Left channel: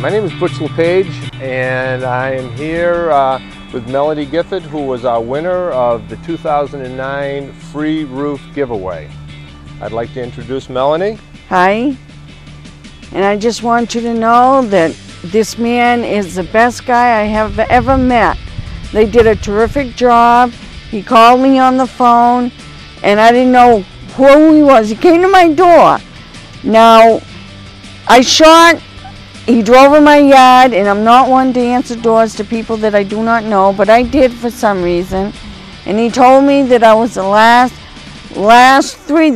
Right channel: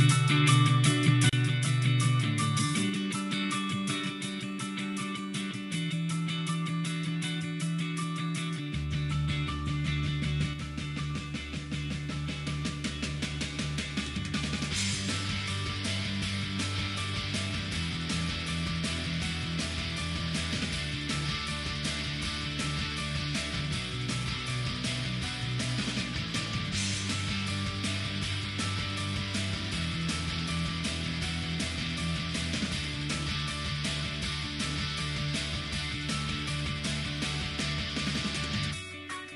My name is Butch LePage, and I am here with Melanie Gifford, who was our winner of the 2009 Free Roof Giveaway. I'd like to introduce Melanie. Hi, and I just want you to know that this man is the best guy I have ever met. They did a terrific job. He called me on the phone, and I didn't know who he was. He came to my door. Now, I shocked. He drove in my yard, and I'm not one to answer doors to people that I do not know, but I did for some reason. And he told me that I was the last three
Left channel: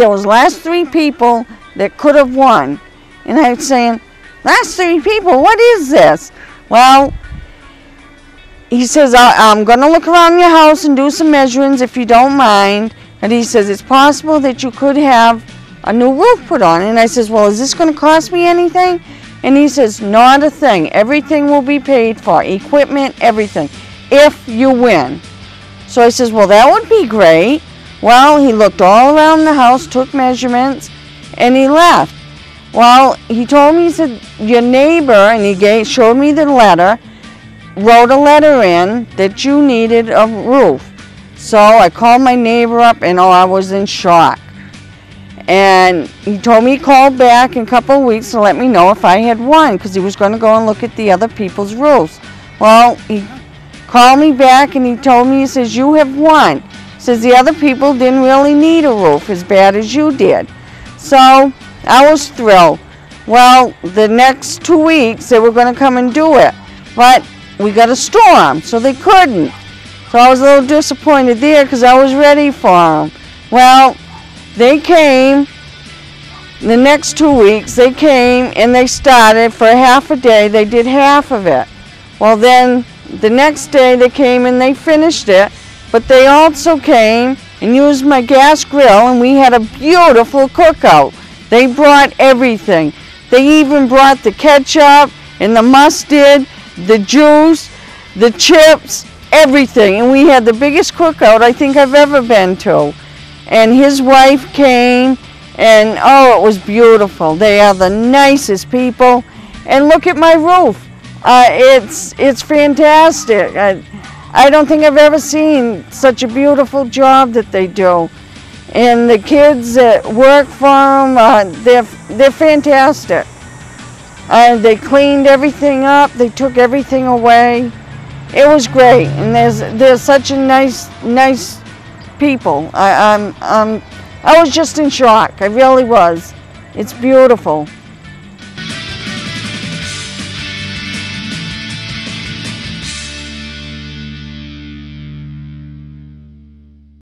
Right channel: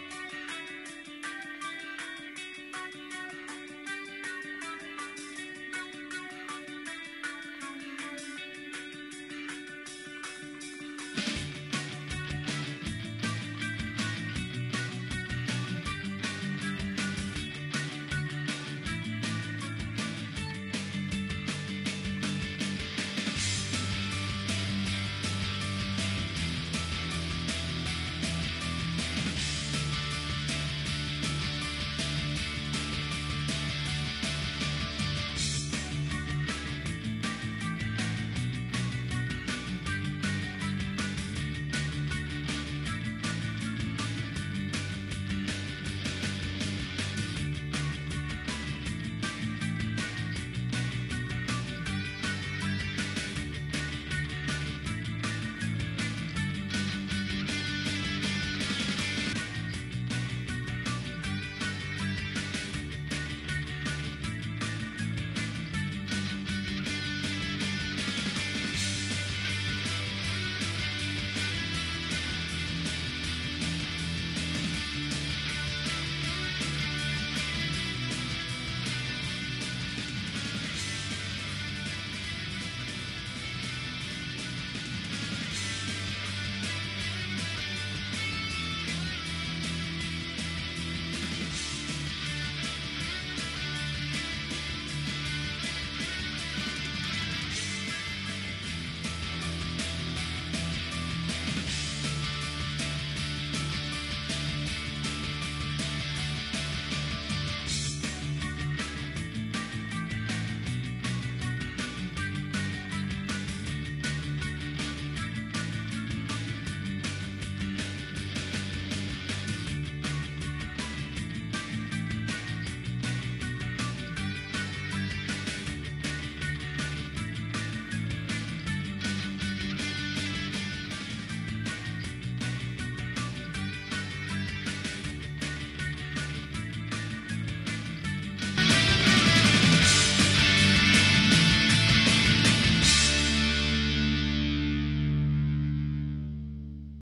people that could have won. And I was saying, last three people, what is this? Well, he says, I'm going to look around your house and do some measurements if you don't mind. And he says, it's possible that you could have a new roof put on. And I says, well, is this going to cost me anything? And he says, not a thing. Everything will be paid for, equipment, everything, if you win. So I says, well, that would be great. Well, he looked all around the house, took measurements, and he left. Well, he told me, he said, your neighbor, and he showed me the letter, wrote a letter in that you needed a roof. So I called my neighbor up, and I was in shock. And he told me he called back in a couple of weeks to let me know if I had won, because he was going to go and look at the other people's roofs. Well, he called me back and he told me, he says, you have won. He says, the other people didn't really need a roof as bad as you did. So I was thrilled. Well, the next 2 weeks they were going to come and do it, but we got a storm, so they couldn't. So I was a little disappointed there because I was ready for them. Well, they came, the next 2 weeks, they came and they started for half a day. They did half of it. Well, then the next day they came and they finished it, but they also came and used my gas grill, and we had a beautiful cookout. They brought everything. They even brought the ketchup and the mustard, the juice, the chips, everything. And we had the biggest cookout I think I've ever been to. And his wife came, and oh, it was beautiful. They are the nicest people. And look at my roof. It's fantastic. I don't think I've ever seen such a beautiful job that they do. And the kids that work for them, they're fantastic. They cleaned everything up. They took everything away. It was great. And there's such a nice people. I was just in shock. I really was. It's beautiful.